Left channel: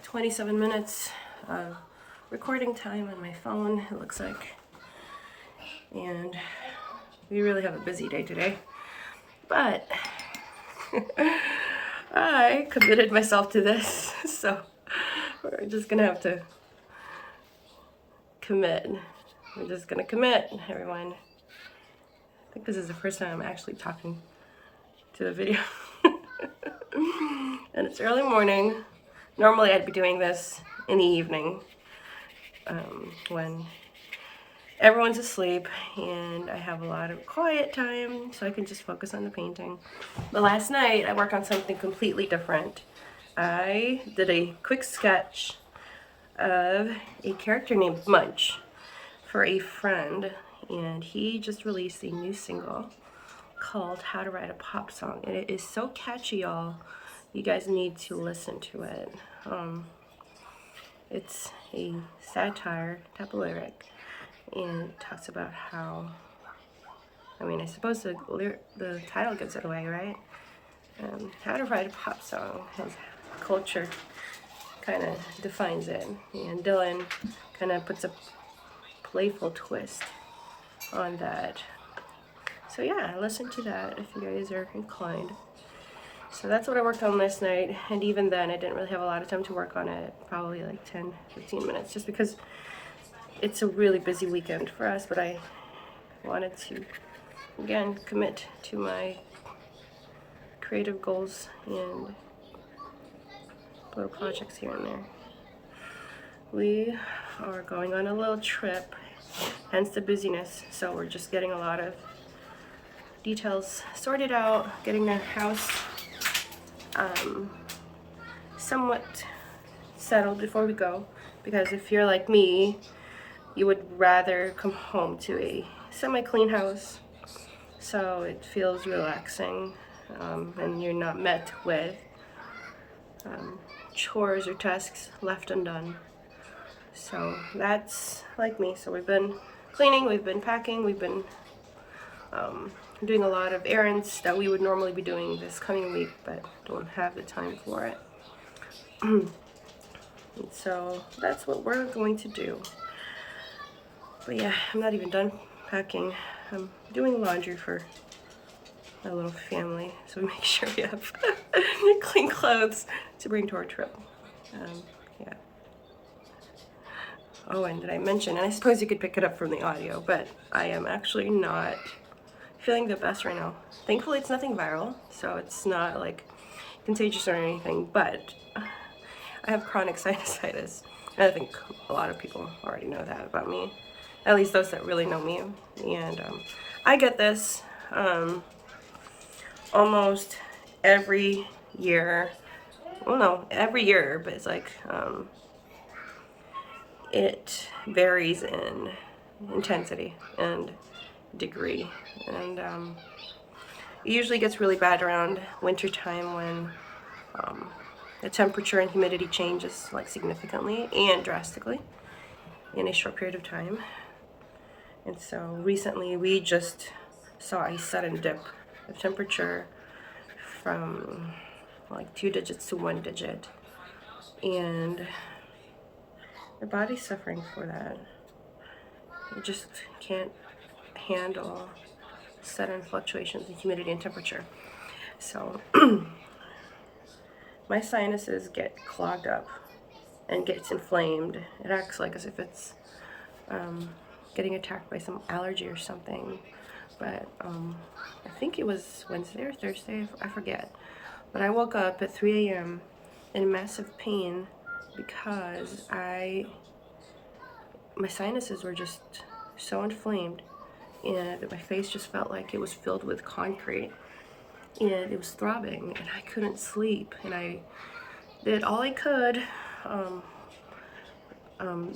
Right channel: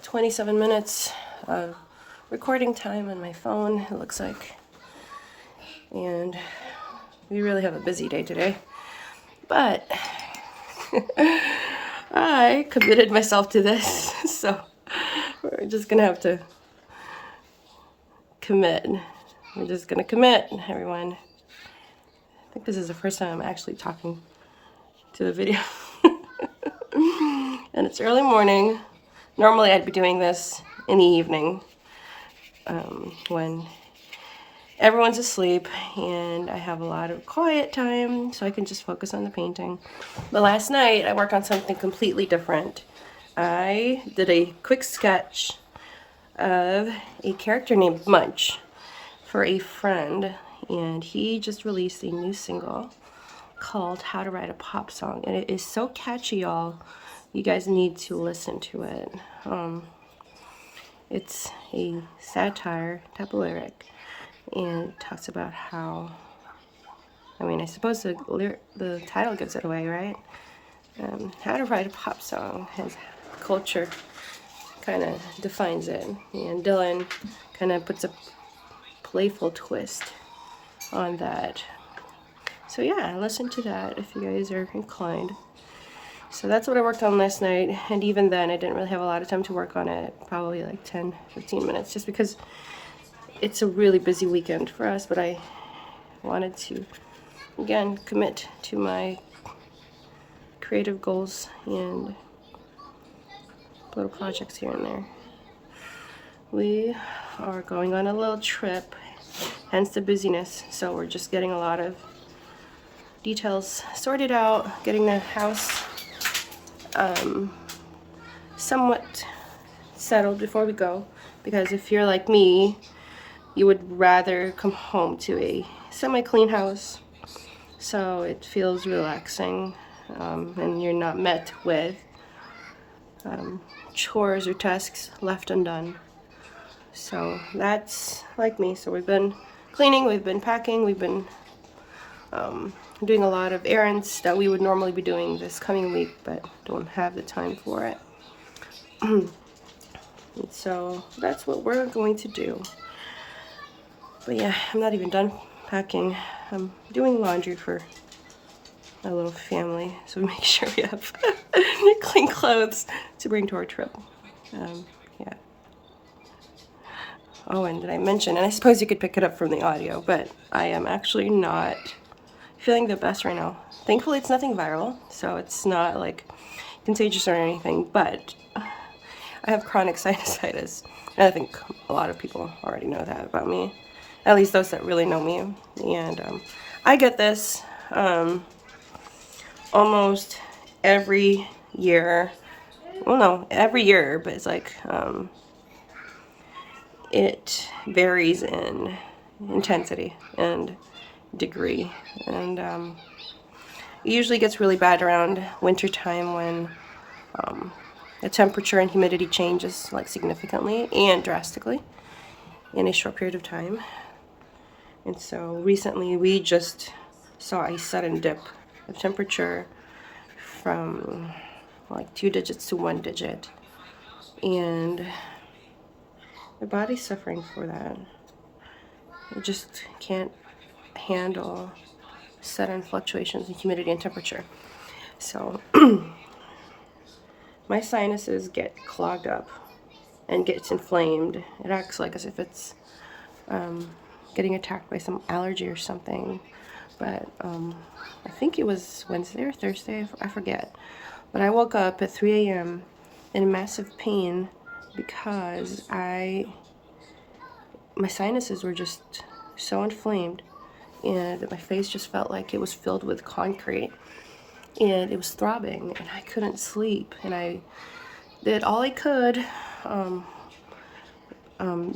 at 27 minutes of recording time on my phone, it looks like. And we really have a busy day today. But I committed myself to this, so we're just gonna have to commit. We're just gonna commit, everyone. I think this is the first time I'm actually talking to the video. And it's early morning. Normally I'd be doing this in the evening when everyone's asleep and I have a lot of quiet time so I can just focus on the painting. But last night I worked on something completely different. I did a quick sketch of a character named Munch for a friend, and he just released a new single called How to Write a Pop Song, and it is so catchy, y'all. You guys need to listen to it. It's a satire type of lyric, and talks about how, I mean, I suppose the title gives it away, right? How to write a pop song. His culture kind of defines it, and Dylan kind of puts a playful twist on that. So yeah, listen to that if you guys are inclined. So that's what I worked on last night, and even then I didn't really have a lot of time to work on it, probably like 10-15 minutes, just because it's a really busy weekend for us. But I wanted to, again, commit to my creative goals and little projects here and there. We are going on a little trip, hence the busyness, so we're just getting a lot of details sorted out, getting the house somewhat settled before we go, because if you're like me, you would rather come home to a semi-clean house so it feels relaxing, and you're not met with chores or tasks left undone. So that's like me. So we've been cleaning, we've been packing, we've been doing a lot of errands that we would normally be doing this coming week, but don't have the time for it. And so that's what we're going to do. But yeah, I'm not even done packing. I'm doing laundry for my little family, so we make sure we have clean clothes to bring to our trip. Yeah. Oh, and did I mention, and I suppose you could pick it up from the audio, but I am actually not feeling the best right now. Thankfully, it's nothing viral, so it's not like contagious or anything, but I have chronic sinusitis, and I think a lot of people already know that about me, at least those that really know me. And I get this almost every year. Well, no, every year, but it's like it varies in intensity and degree, and it usually gets really bad around winter time when the temperature and humidity changes like significantly and drastically in a short period of time. And so recently we just saw a sudden dip of temperature from like 2 digits to 1 digit, and the body's suffering for that. It just can't handle sudden fluctuations in humidity and temperature. So my sinuses get clogged up and gets inflamed. It acts like as if it's getting attacked by some allergy or something. But I think it was Wednesday or Thursday, I forget. But I woke up at 3 a.m. in massive pain because my sinuses were just so inflamed, and my face just felt like it was filled with concrete, and it was throbbing, and I couldn't sleep, and I did all I could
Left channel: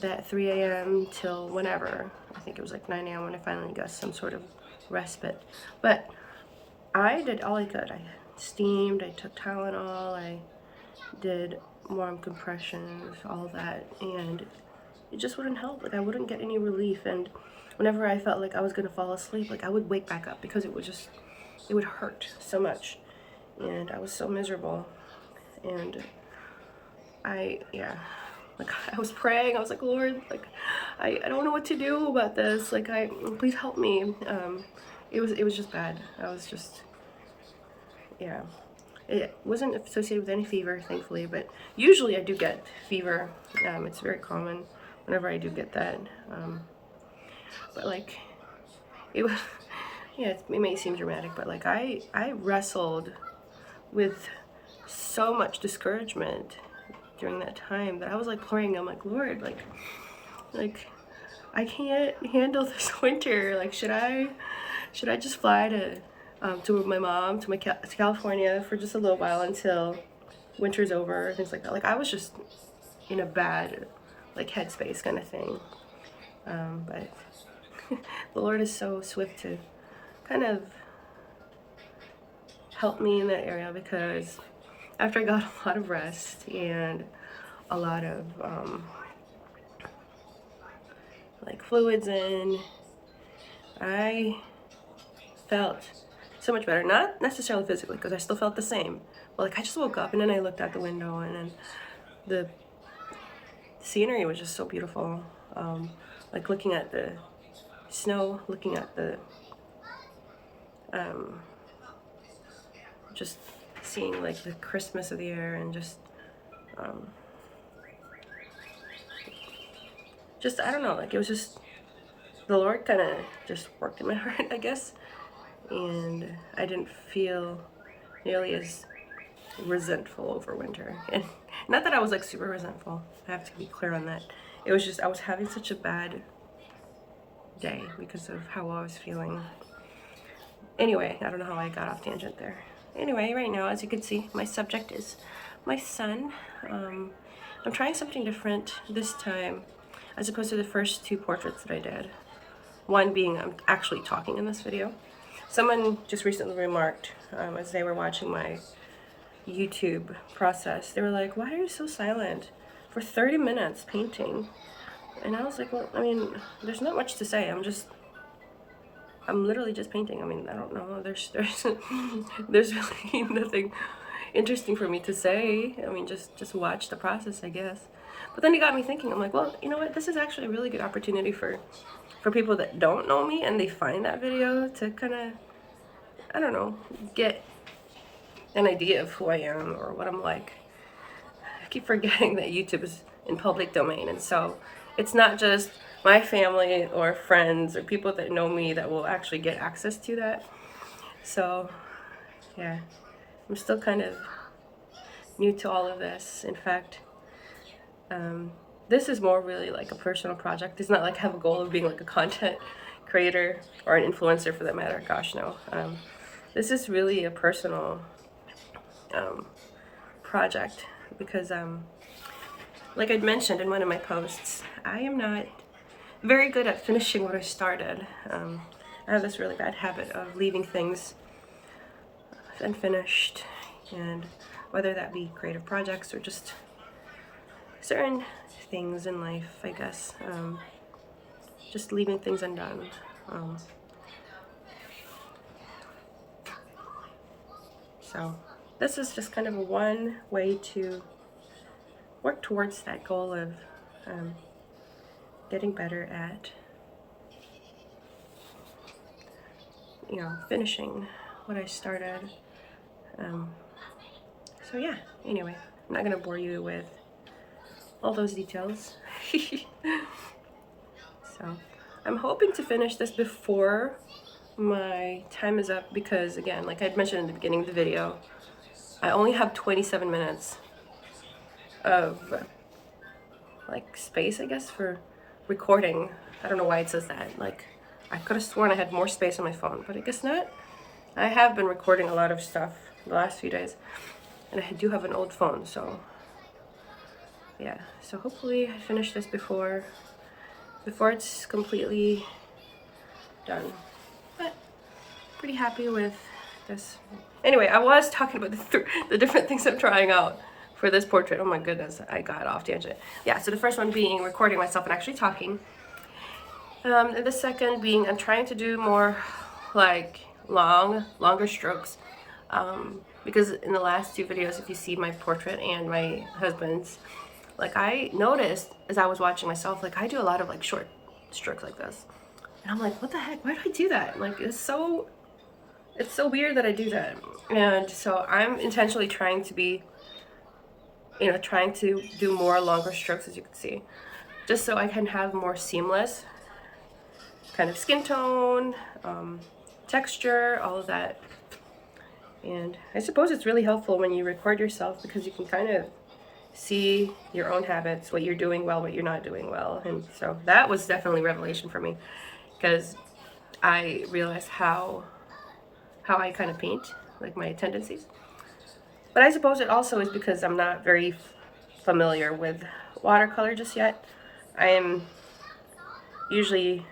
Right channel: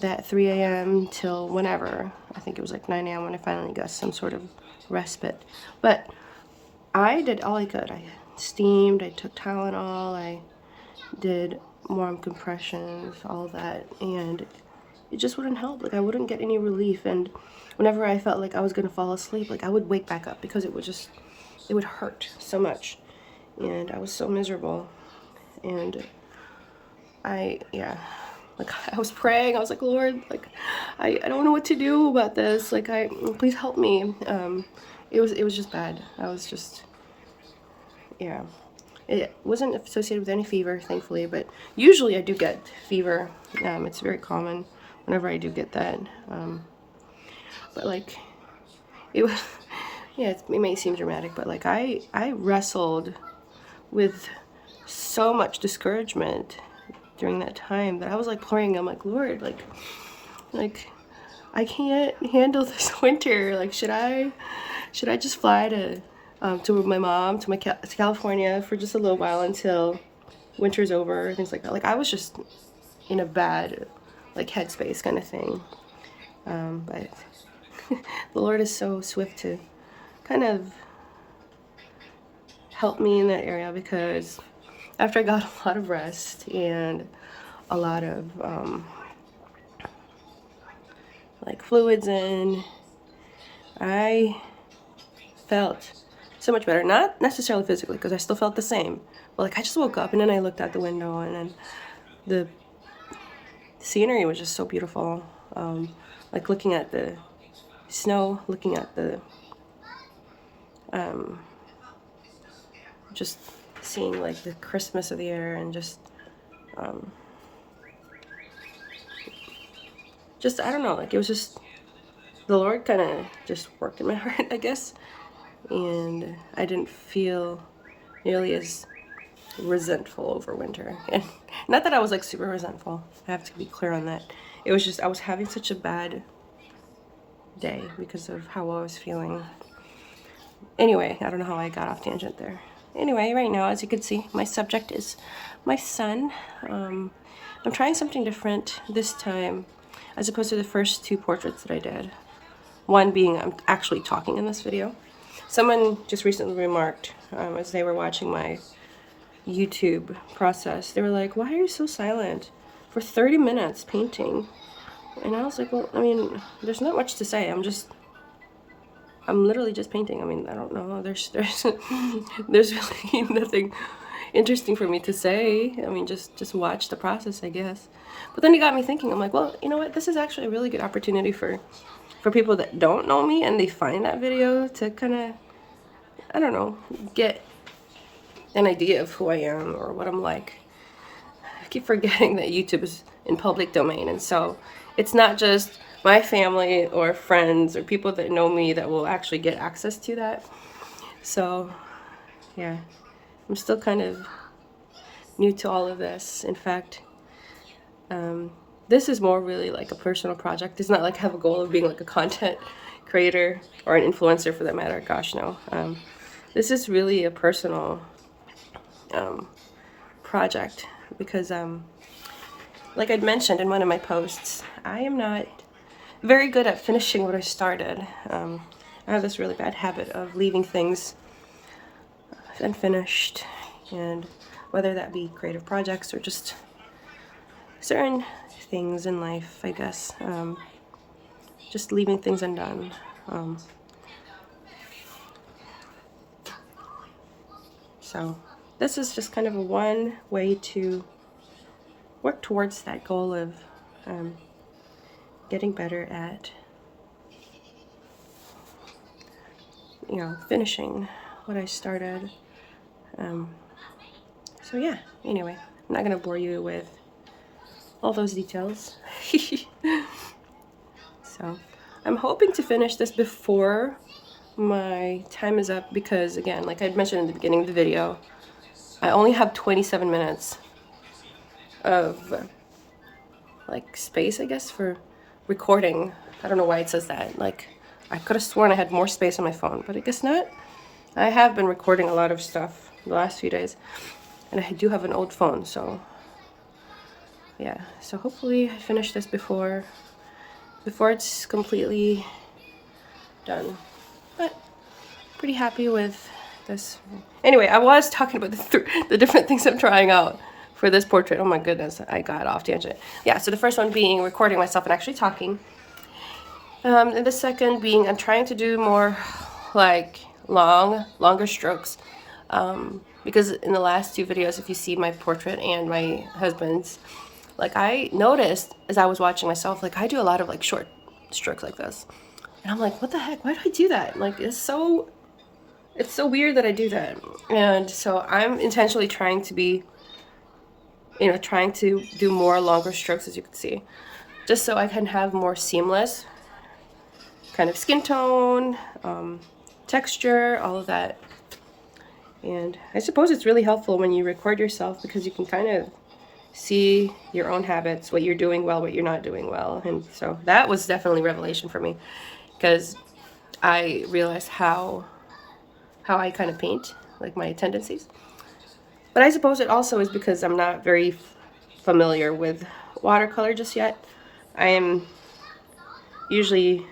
that 3 a.m. till whenever. I think it was like 9 a.m. when I finally got some sort of respite. But I did all I could. I steamed, I took Tylenol, I did warm compressions, all that, and it just wouldn't help. Like, I wouldn't get any relief, and whenever I felt like I was gonna fall asleep, like I would wake back up because it would hurt so much, and I was so miserable. And yeah, like I was praying. I was like, Lord, like I don't know what to do about this. Like please help me. It was just bad. I was just, yeah. It wasn't associated with any fever, thankfully, but usually I do get fever. It's very common whenever I do get that. But like, it was, yeah, it may seem dramatic, but like I wrestled with so much discouragement during that time that I was like praying. I'm like, Lord, like I can't handle this winter. Like, should I just fly to my mom to to California for just a little while until winter's over, things like that. Like I was just in a bad like headspace kind of thing. But the Lord is so swift to kind of help me in that area, because after I got a lot of rest and a lot of like fluids in, I felt so much better. Not necessarily physically, because I still felt the same, but like I just woke up and then I looked out the window and then the scenery was just so beautiful. Like looking at the snow, looking at the just seeing like the crispness of the air, and just I don't know, like it was just the Lord kind of just worked in my heart, I guess, and I didn't feel nearly as resentful over winter. And not that I was like super resentful, I have to be clear on that. It was just I was having such a bad day because of how I was feeling. Anyway, I don't know how I got off tangent there. Anyway, right now, as you can see, my subject is my son. I'm trying something different this time as opposed to the first two portraits that I did. One being I'm actually talking in this video. Someone just recently remarked as they were watching my YouTube process, they were like, why are you so silent for 30 minutes painting? And I was like, well, I mean, there's not much to say. I'm literally just painting. I mean, I don't know. There's really nothing interesting for me to say. I mean, just watch the process, I guess. But then it got me thinking. I'm like, well, you know what? This is actually a really good opportunity for people that don't know me and they find that video to kind of, I don't know, get an idea of who I am or what I'm like. I keep forgetting that YouTube is in public domain, and so it's not just my family or friends or people that know me that will actually get access to that. So yeah, I'm still kind of new to all of this. In fact, this is more really like a personal project. It's not like I have a goal of being like a content creator or an influencer for that matter. Gosh, no. This is really a personal project because like I'd mentioned in one of my posts, I am not very good at finishing what I started. I have this really bad habit of leaving things unfinished, and whether that be creative projects or just certain things in life, I guess, just leaving things undone. So this is just kind of one way to work towards that goal of getting better at, you know, finishing what I started. So yeah, anyway, I'm not gonna bore you with all those details. So I'm hoping to finish this before my time is up, because again, like I had mentioned in the beginning of the video, I only have 27 minutes of like space, I guess, for recording. I don't know why it says that. Like I could have sworn I had more space on my phone, but I guess not. I have been recording a lot of stuff the last few days, and I do have an old phone, so yeah. So hopefully I finish this before it's completely done. But pretty happy with this. Anyway, I was talking about the different things I'm trying out for this portrait. Oh my goodness, I got off tangent. Yeah, so the first one being recording myself and actually talking. And the second being I'm trying to do more like longer strokes. because in the last two videos, if you see my portrait and my husband's, like I noticed as I was watching myself, like I do a lot of like short strokes like this. And I'm like, what the heck? Why do I do that? Like it's so weird that I do that. And so I'm intentionally trying to be, you know, trying to do more longer strokes, as you can see, just so I can have more seamless kind of skin tone, texture, all of that. And I suppose it's really helpful when you record yourself because you can kind of see your own habits, what you're doing well, what you're not doing well. And so that was definitely revelation for me because I realized how I kind of paint, like my tendencies. But I suppose it also is because I'm not very familiar with watercolor just yet. I am usually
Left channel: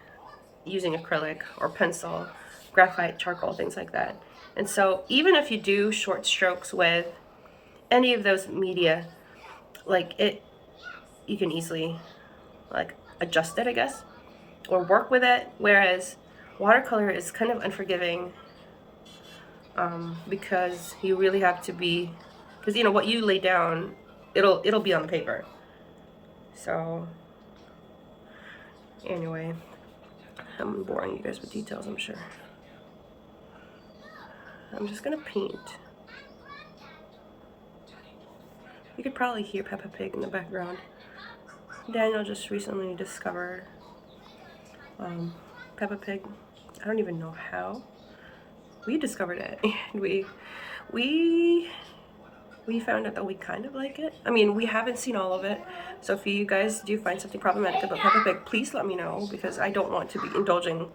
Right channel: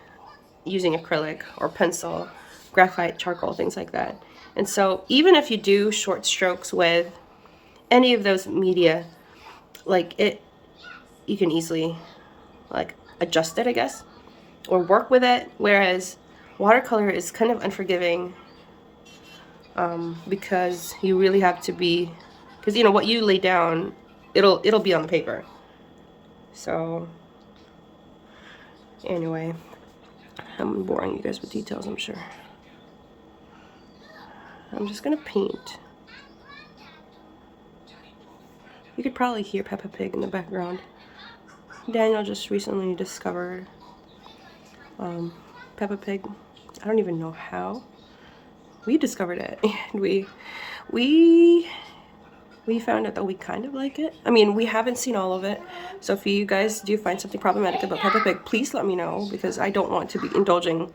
using acrylic or pencil, graphite, charcoal, things like that. And so even if you do short strokes with any of those media, like you can easily like adjust it, I guess, or work with it. Whereas watercolor is kind of unforgiving because you really have to be, because you know what you lay down, it'll be on the paper. So anyway, I'm boring you guys with details, I'm sure. I'm just gonna paint. You could probably hear Peppa Pig in the background. Daniel just recently discovered Peppa Pig. I don't even know how. We discovered it, and we found out that we kind of like it. I mean, we haven't seen all of it, so if you guys do find something problematic about Peppa Pig, please let me know, because I don't want to be indulging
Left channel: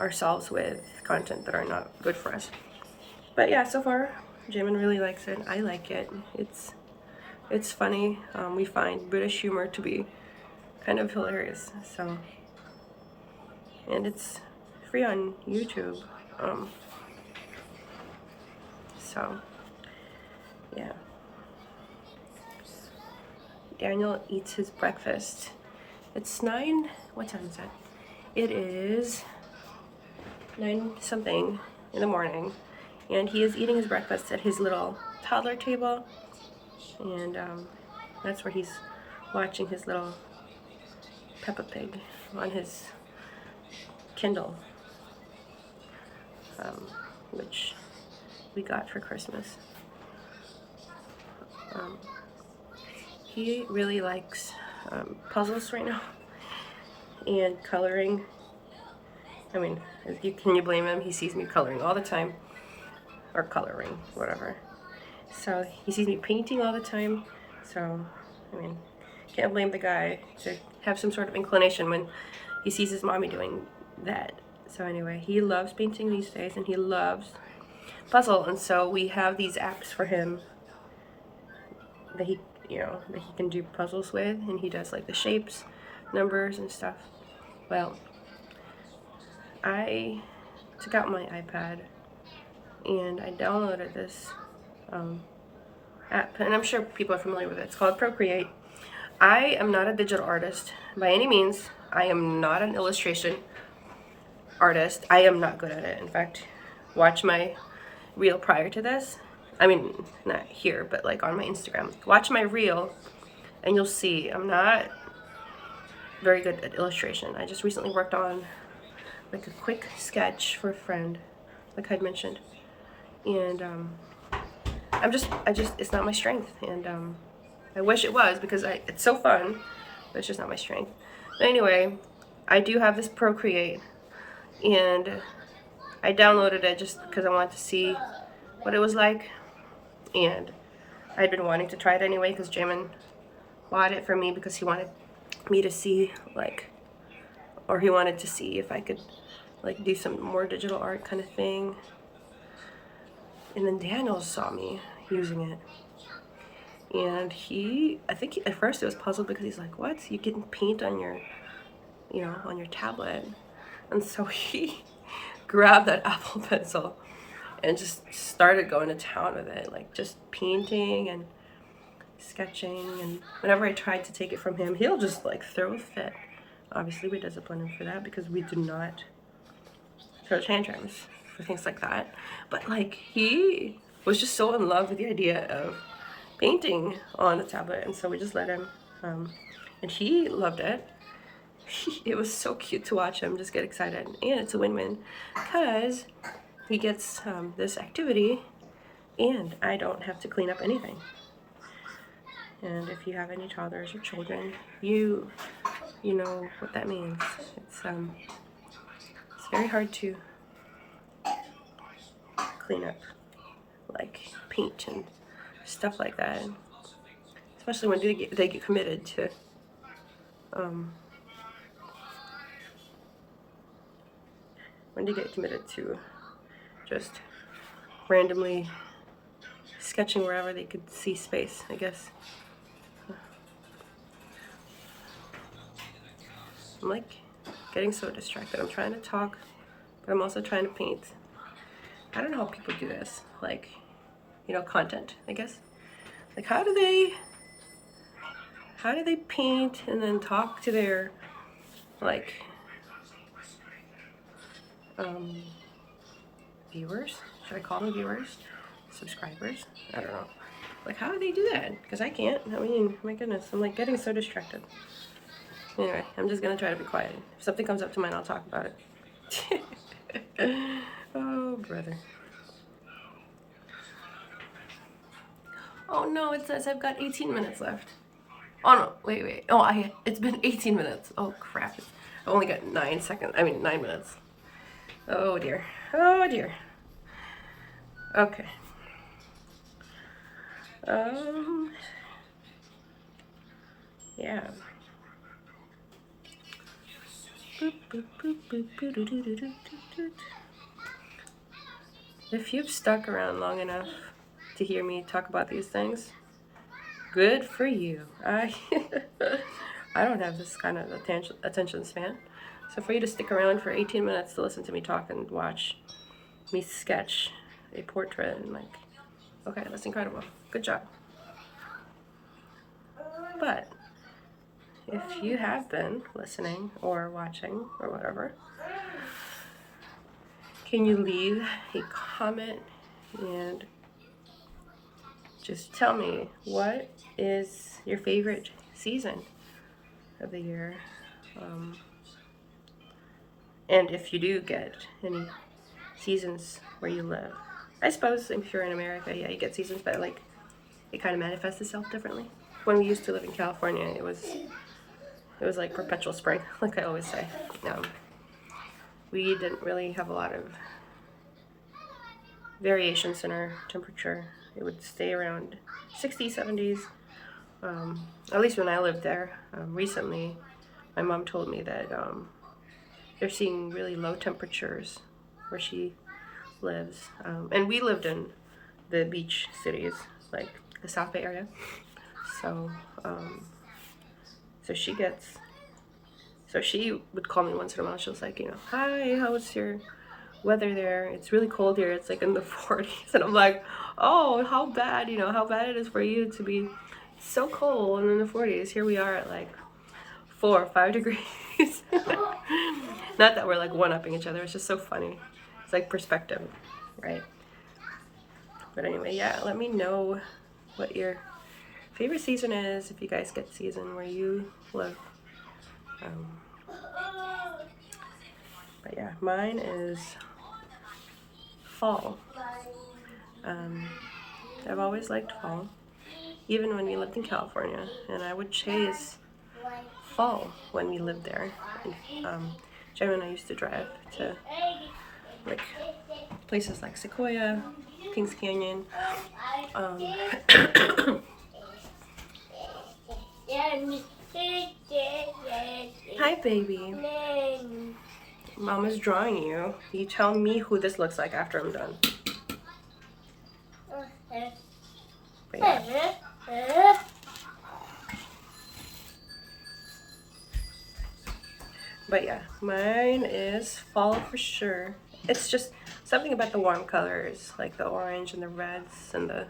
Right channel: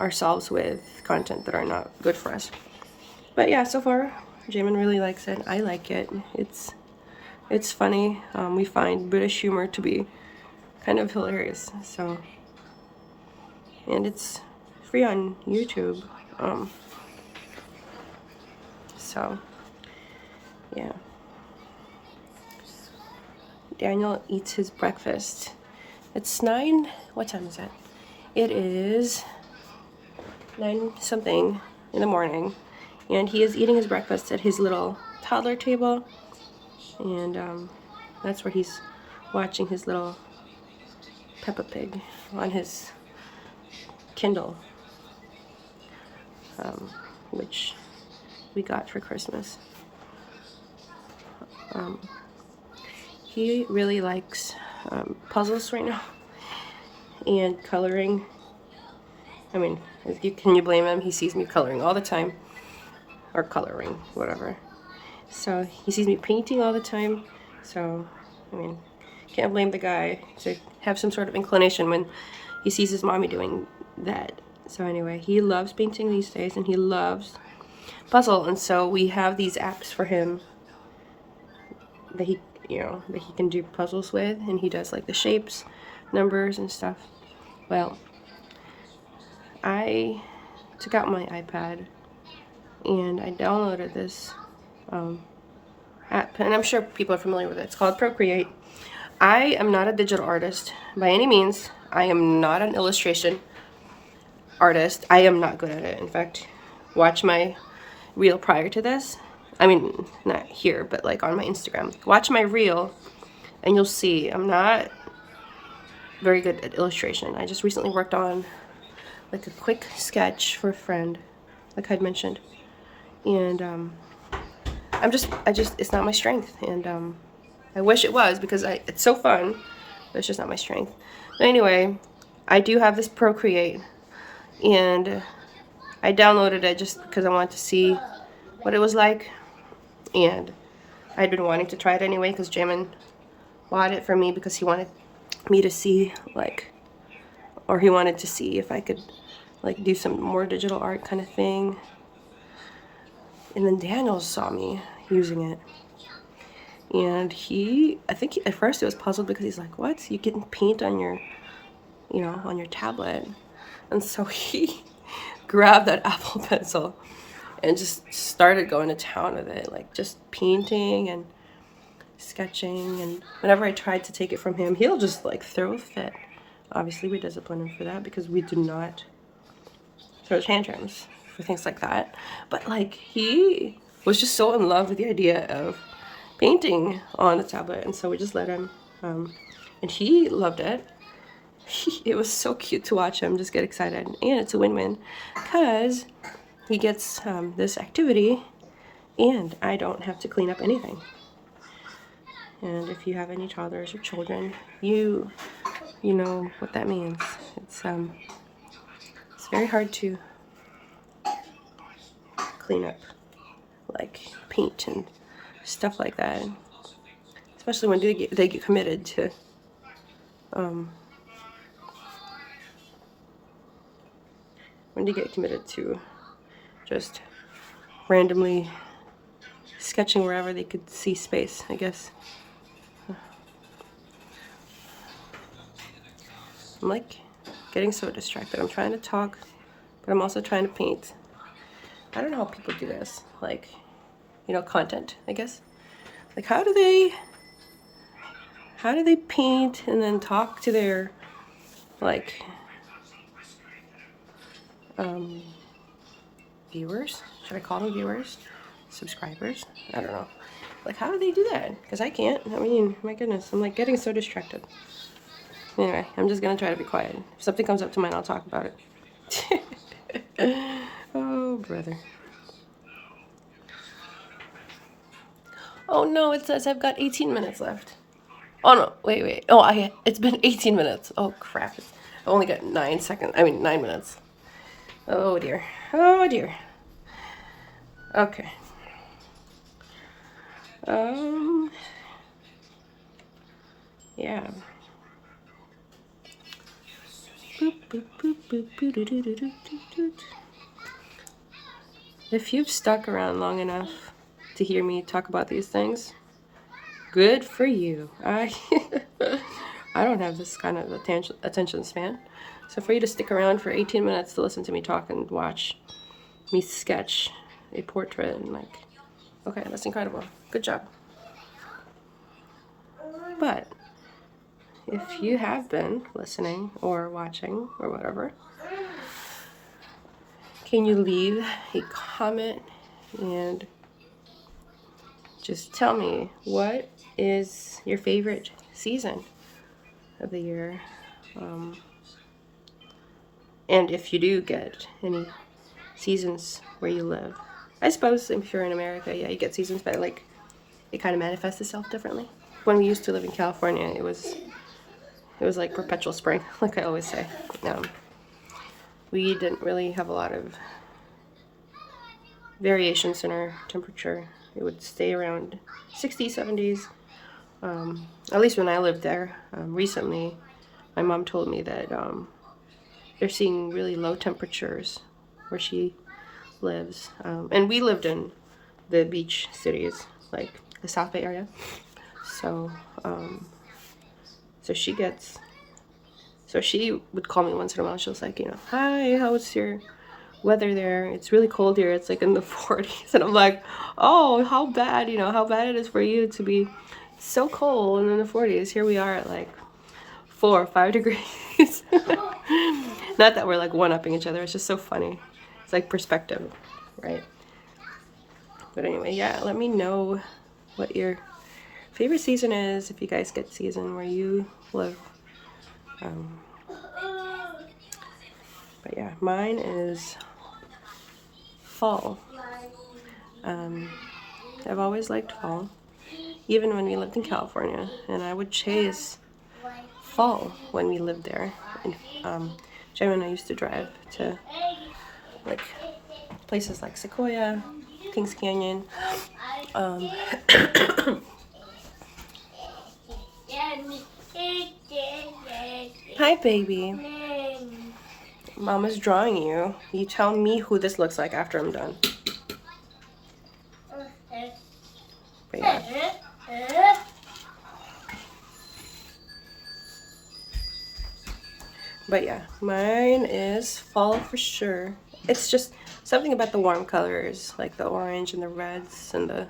ourselves with content that are not good for us. But yeah, so far, Jamin really likes it. I like it. It's funny. We find British humor to be kind of hilarious. So, and it's free on YouTube. So, yeah. Daniel eats his breakfast. It's 9, what time is it? It is 9 something in the morning, and he is eating his breakfast at his little toddler table, and that's where he's watching his little Peppa Pig on his Kindle, which we got for Christmas. He really likes puzzles right now and coloring. I mean, can you blame him? He sees me coloring all the time, or coloring, whatever. So he sees me painting all the time. So, I mean, can't blame the guy to have some sort of inclination when he sees his mommy doing that. So anyway, he loves painting these days, and he loves puzzle. And so we have these apps for him that he can do puzzles with, and he does like the shapes, numbers, and stuff. Well, I took out my iPad and I downloaded this app, and I'm sure people are familiar with it. It's called Procreate. I am not a digital artist by any means. I am not an illustration artist. I am not good at it. In fact, watch my reel prior to this. I mean, not here, but like on my Instagram. Watch my reel and you'll see I'm not very good at illustration. I just recently worked on like a quick sketch for a friend, like I'd mentioned. And it's not my strength. And I wish it was, because it's so fun, but it's just not my strength. But anyway, I do have this Procreate, and I downloaded it just because I wanted to see what it was like. And I'd been wanting to try it anyway because Jamin bought it for me because he wanted me to see, or he wanted to see if I could like do some more digital art kind of thing. And then Daniel saw me using it, and I think at first he was puzzled because he's like, what? You can paint on your, on your tablet. And so he grabbed that Apple Pencil and just started going to town with it, like just painting and sketching. And whenever I tried to take it from him, he'll just like throw a fit. Obviously, we discipline him for that because we do not throw tantrums for things like that. But like he was just so in love with the idea of painting on the tablet, and so we just let him, and he loved it. It was so cute to watch him just get excited, and it's a win-win because he gets this activity, and I don't have to clean up anything. And if you have any toddlers or children, you know what that means. It's very hard to clean up, like paint and stuff like that, especially when they get committed to when they get committed to just randomly sketching wherever they could see space, I guess. I'm like getting so distracted. I'm trying to talk, but I'm also trying to paint. I don't know how people do this, like, you know, content, I guess. Like, how do they paint and then talk to their, like, viewers? Should I call them viewers? Subscribers? I don't know. Like, how do they do that? Because I can't. I mean, my goodness, I'm like getting so distracted. Anyway, I'm just gonna try to be quiet. If something comes up to mind, I'll talk about it. Oh, brother. Oh no, it says I've got 18 minutes left. Oh no, wait. Oh, it's been 18 minutes. Oh crap. I only got 9 seconds. I mean, 9 minutes. Oh dear. Oh dear. Okay. Yeah. If you've stuck around long enough to hear me talk about these things, good for you. I don't have this kind of attention span. So for you to stick around for 18 minutes to listen to me talk and watch me sketch a portrait, and like, okay, that's incredible. Good job. But if you have been listening or watching or whatever, can you leave a comment and just tell me what is your favorite season of the year? And if you do get any seasons where you live. I suppose if you're in America, yeah, you get seasons, but like it kind of manifests itself differently. When we used to live in California, it was like perpetual spring, like I always say. We didn't really have a lot of variations in our temperature. It would stay around 60s, 70s. At least when I lived there. Recently, my mom told me that they're seeing really low temperatures where she lives. And we lived in the beach cities, like the South Bay area. So, so she would call me once in a while. She was like, you know, hi, how's your weather there? It's really cold here. It's like in the 40s. And I'm like, oh, how bad, you know, how bad it is for you to be so cold and in the 40s. Here we are at like 4 or 5 degrees. Not that we're like one-upping each other. It's just so funny. It's like perspective, right? But anyway, yeah, let me know what your favorite season is, if you guys get season where you live. But yeah, mine is fall. I've always liked fall, even when we lived in California, and I would chase fall when we lived there. And Jen and I used to drive to like places like Sequoia, Kings Canyon. Hi, baby. Mama's drawing you. You tell me who this looks like after I'm done. But yeah. But yeah, mine is fall for sure. It's just something about the warm colors, like the orange and the reds and the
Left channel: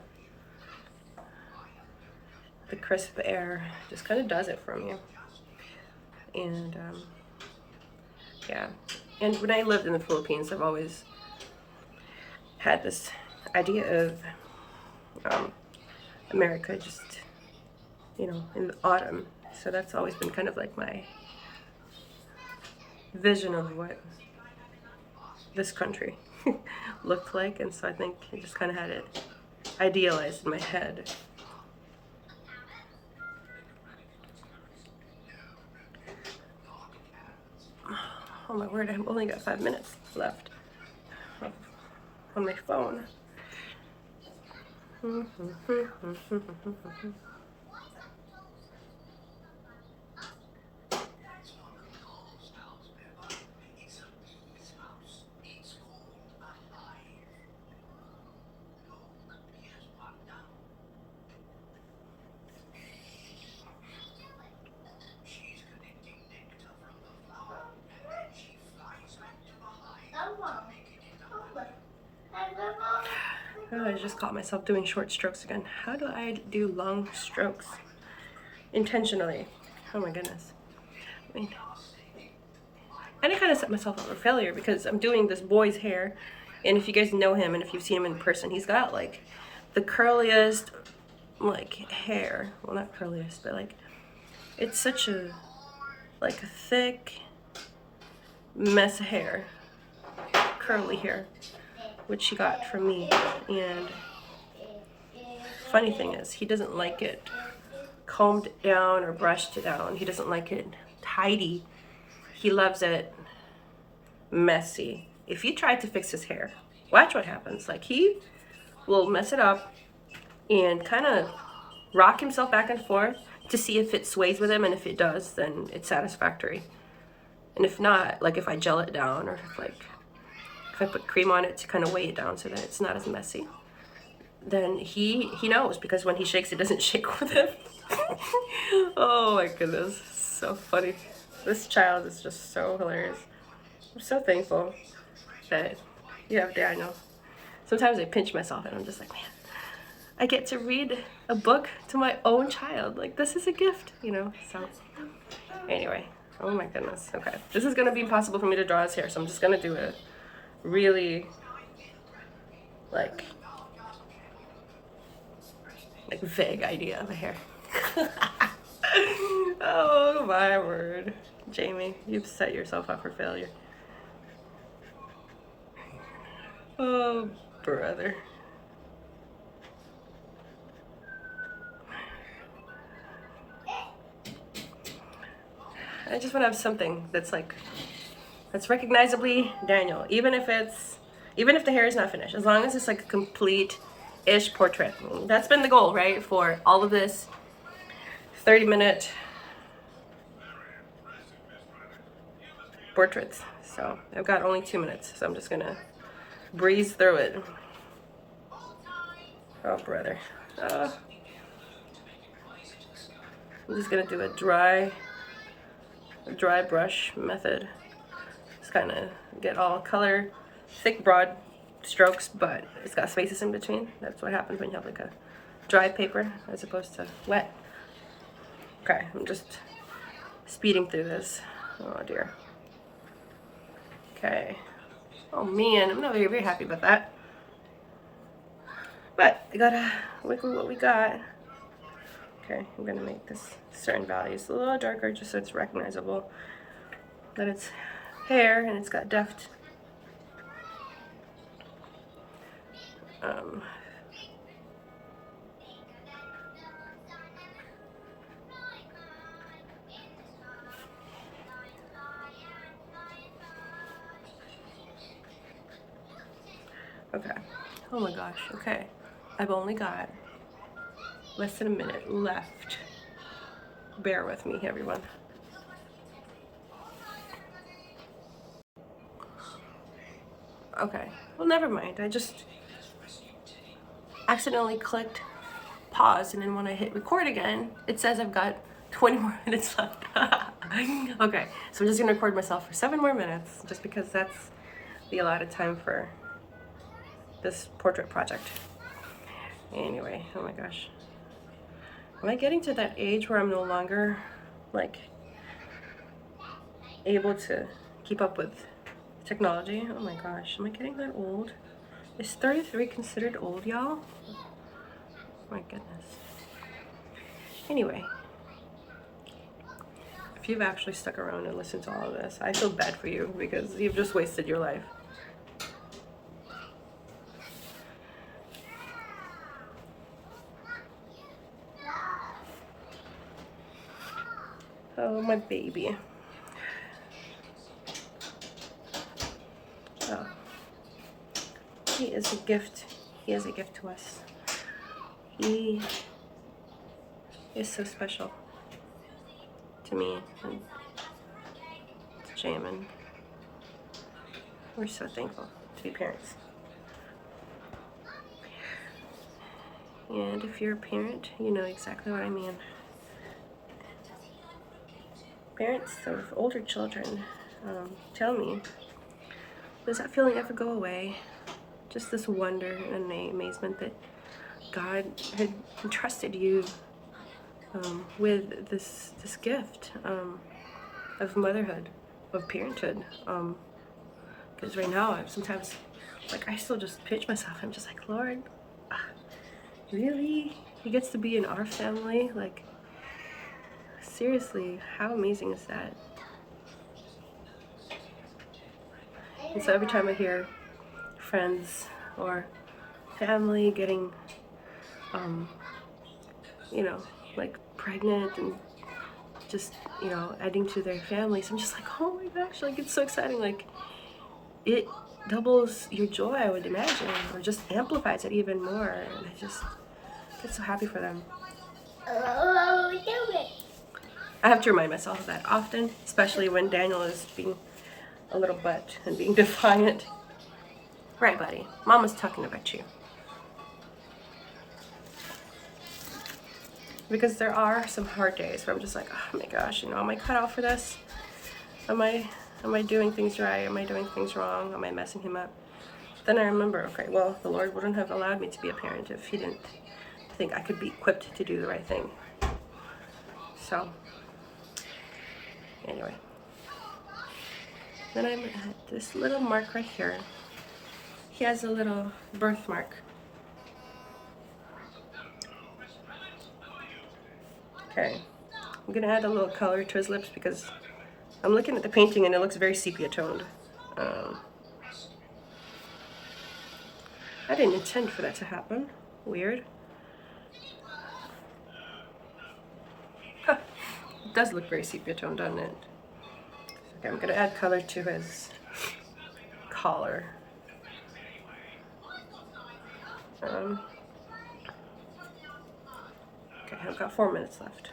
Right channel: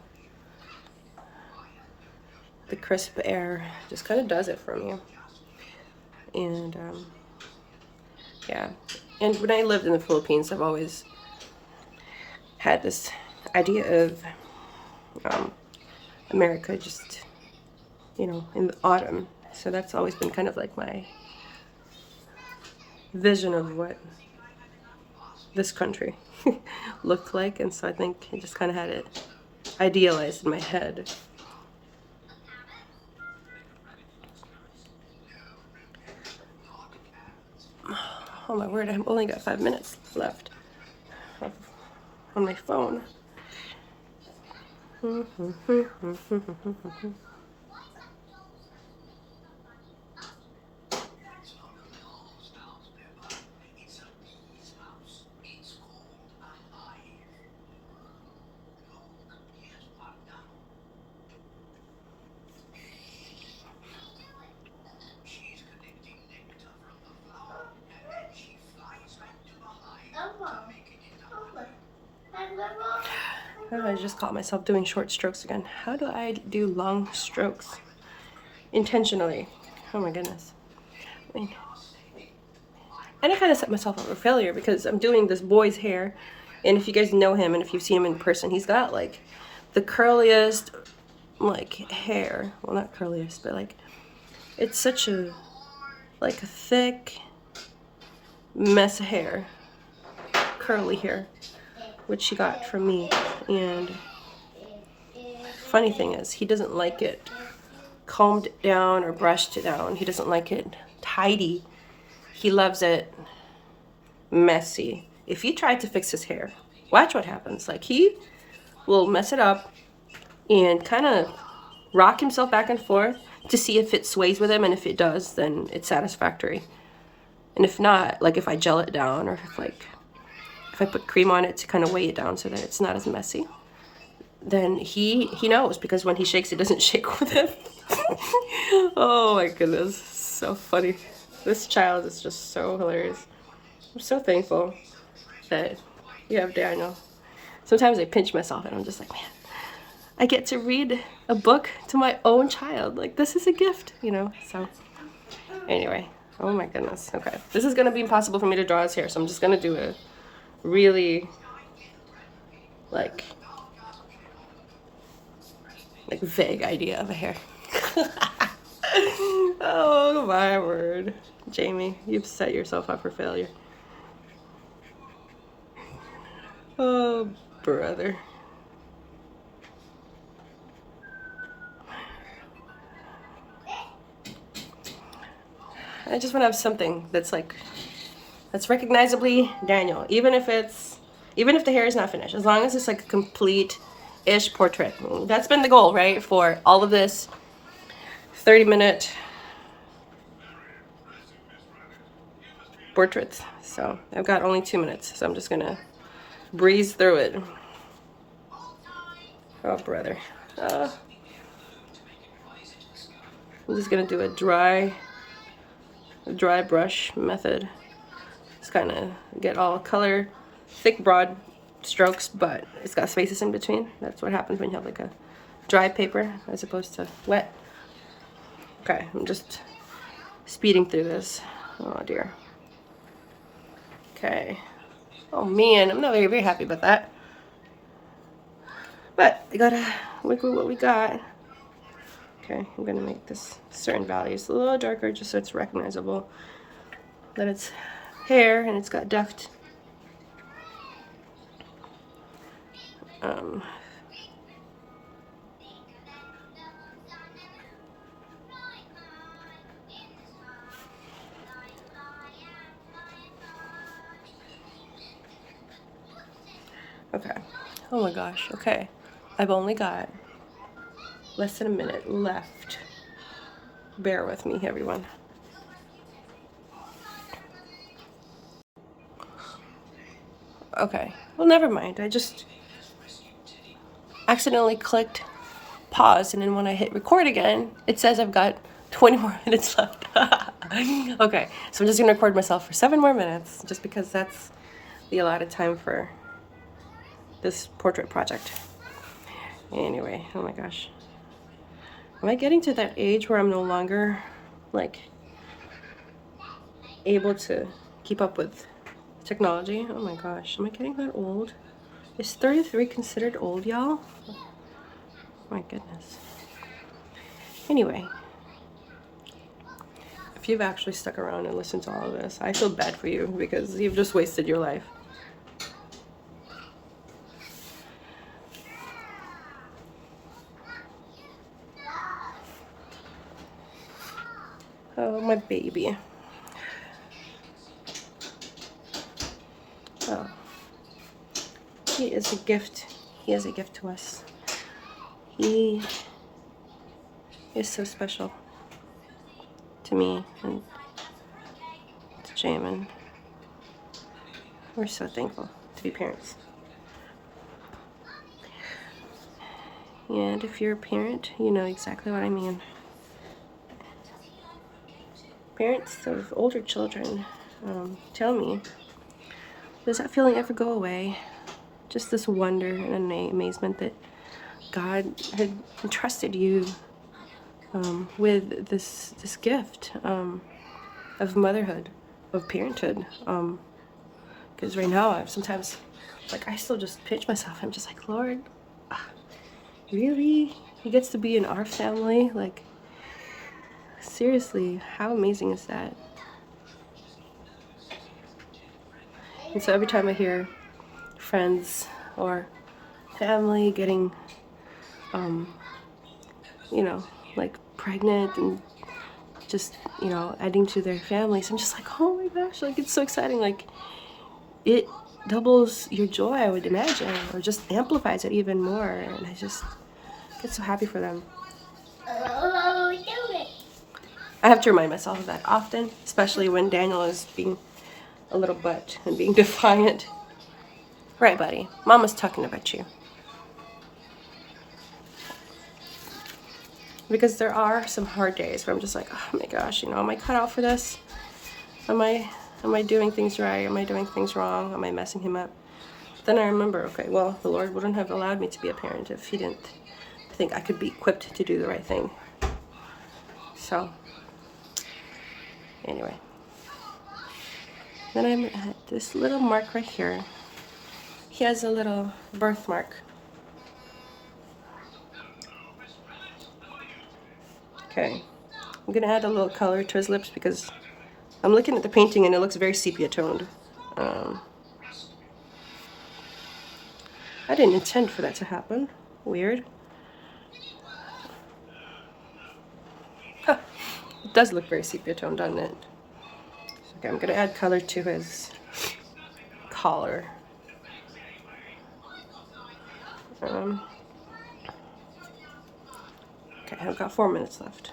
crisp air, just kind of does it for me. And yeah, and when I lived in the Philippines, I've always had this idea of America just, you know, in the autumn. So that's always been kind of like my vision of what this country looked like. And so I think I just kind of had it idealized in my head. Oh my word, I've only got 5 minutes left on my phone. Oh, I just caught myself doing short strokes again. How do I do long strokes intentionally? Oh my goodness. And I kind of set myself up for failure because I'm doing this boy's hair. And if you guys know him and if you've seen him in person, he's got like the curliest like hair. Well, not curliest, but like it's such a like a thick mess of hair, curly hair, which he got from me. And funny thing is, he doesn't like it combed down or brushed down. He doesn't like it tidy. He loves it messy. If you try to fix his hair, watch what happens. Like he will mess it up and kind of rock himself back and forth to see if it sways with him, and if it does, then it's satisfactory. And if not, like if I gel it down or if I put cream on it to kind of weigh it down so that it's not as messy, then he knows, because when he shakes, it doesn't shake with him. Oh my goodness, so funny. This child is just so hilarious. I'm so thankful that you have Daniel. Sometimes I pinch myself and I'm just like, man, I get to read a book to my own child. Like, this is a gift, you know? So, anyway, oh my goodness. Okay, this is gonna be impossible for me to draw his hair, so I'm just gonna do a really, like vague idea of a hair. Oh my word. Jamie, you've set yourself up for failure. Oh, brother. I just want to have something that's like, that's recognizably Daniel, even if the hair is not finished, as long as it's like a complete-ish portrait. That's been the goal, right, for all of this 30-minute portraits. So I've got only 2 minutes, so I'm just gonna breeze through it. Oh, brother. I'm just gonna do a dry brush method. Just kind of get all color, thick, broad strokes, but it's got spaces in between. That's what happens when you have like a dry paper as opposed to wet. Okay, I'm just speeding through this. Oh dear. Okay. Oh man, I'm not very happy about that. But I gotta work with what we got. Okay, I'm gonna make this certain values a little darker just so it's recognizable that it's hair and it's got depth. Okay. Oh my gosh. Okay. I've only got less than a minute left. Bear with me, everyone. Okay. Well, never mind. I just accidentally clicked pause, and then when I hit record again, it says I've got 20 more minutes left. Okay. So I'm just gonna record myself for 7 more minutes, just because that's the allotted time for this portrait project. Anyway, oh my gosh. Am I getting to that age where I'm no longer like able to keep up with technology? Oh my gosh, am I getting that old? Is 33 considered old, y'all? My goodness. Anyway, if you've actually stuck around and listened to all of this, I feel bad for you because you've just wasted your life. Oh, my baby. Oh, he is a gift. He is a gift to us. He is so special to me and to Jamin. We're so thankful to be parents. And if you're a parent, you know exactly what I mean. Parents of older children tell me, does that feeling ever go away? Just this wonder and amazement that God had entrusted you with this gift of motherhood, of parenthood. Because right now, sometimes, like, I still just pinch myself. I'm just like, Lord, really? He gets to be in our family? Like, seriously, how amazing is that? And so every time I hear friends or family getting, you know, like pregnant and just, you know, adding to their families, I'm just like, oh my gosh, like, it's so exciting. Like, it doubles your joy, I would imagine, or just amplifies it even more. And I just get so happy for them. I have to remind myself of that often, especially when Daniel is being a little butt and being defiant. Right, buddy? Mama's talking about you. Because there are some hard days where I'm just like, oh my gosh, you know, am I cut out for this? Am I doing things right? Am I doing things wrong? Am I messing him up? Then I remember, okay, well, the Lord wouldn't have allowed me to be a parent if he didn't think I could be equipped to do the right thing. So, anyway. Then I'm at this little mark right here. He has a little birthmark. Okay. I'm gonna add a little color to his lips because I'm looking at the painting and it looks very sepia toned. I didn't intend for that to happen. Weird. Huh. It does look very sepia toned, doesn't it? Okay, I'm gonna add color to his collar. Okay, I've got 4 minutes left.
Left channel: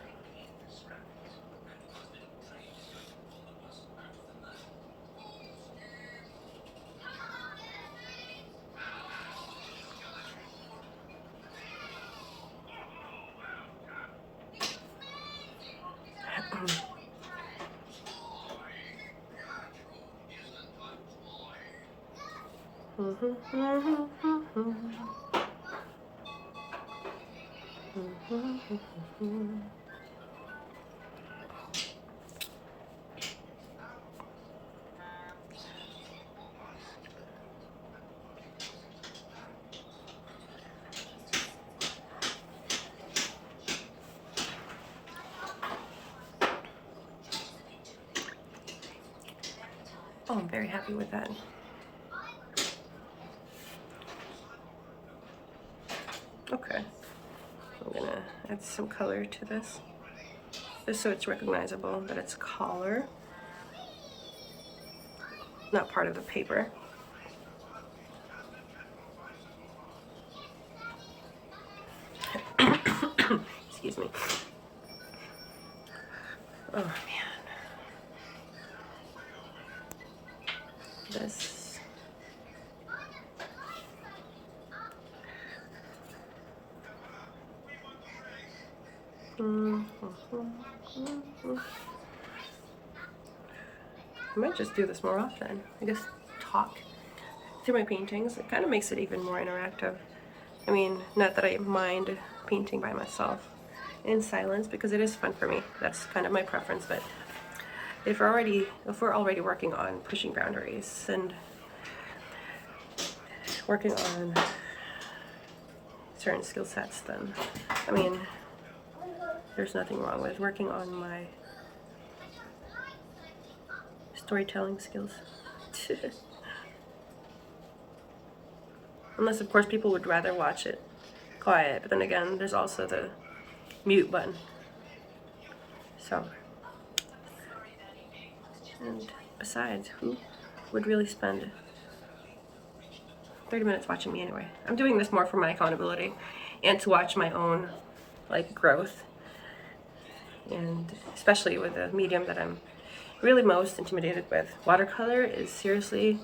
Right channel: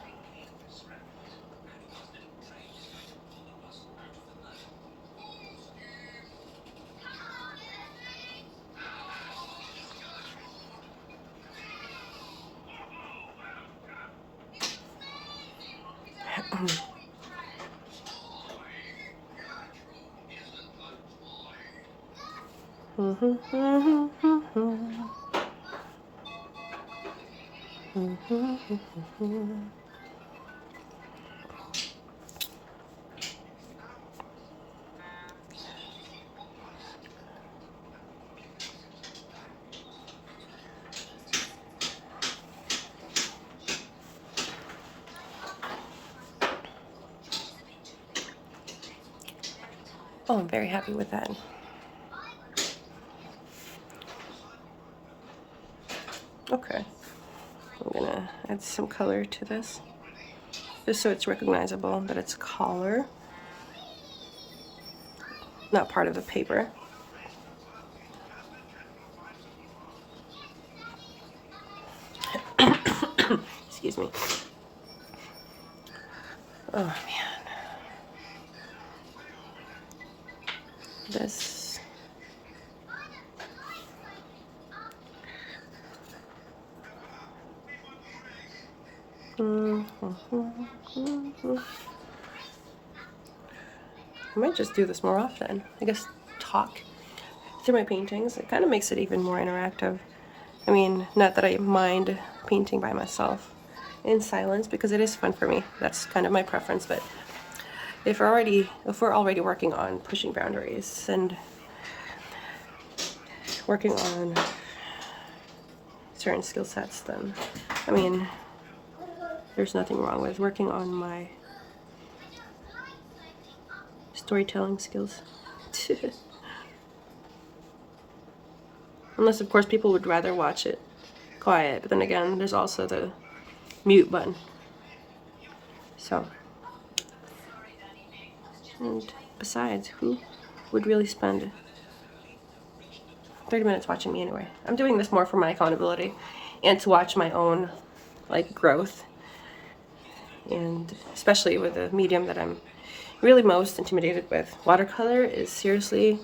Oh, I'm very happy with that. Okay, I'm gonna add some color to this, just so it's recognizable that it's collar, not part of the paper. Excuse me. Oh man. This. I might just do this more often. I guess talk through my paintings. It kind of makes it even more interactive. I mean, not that I mind painting by myself in silence because it is fun for me. That's kind of my preference. But if we're already working on pushing boundaries and working on certain skill sets, then, I mean, there's nothing wrong with working on my storytelling skills. Unless, of course, people would rather watch it quiet. But then again, there's also the mute button. So, and besides, who would really spend 30 minutes watching me anyway? I'm doing this more for my accountability and to watch my own, like, growth. And especially with the medium that I'm really most intimidated with. Watercolor is seriously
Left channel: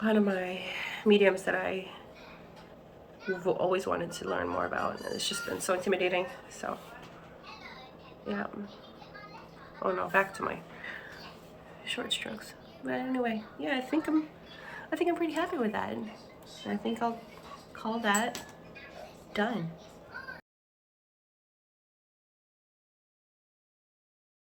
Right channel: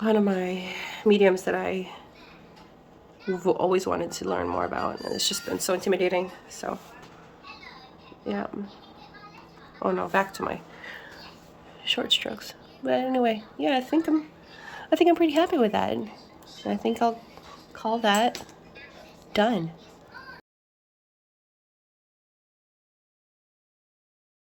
one of my mediums that I've always wanted to learn more about, and it's just been so intimidating. So yeah. Oh no, back to my short strokes. But anyway, yeah, I think I'm pretty happy with that. I think I'll call that done.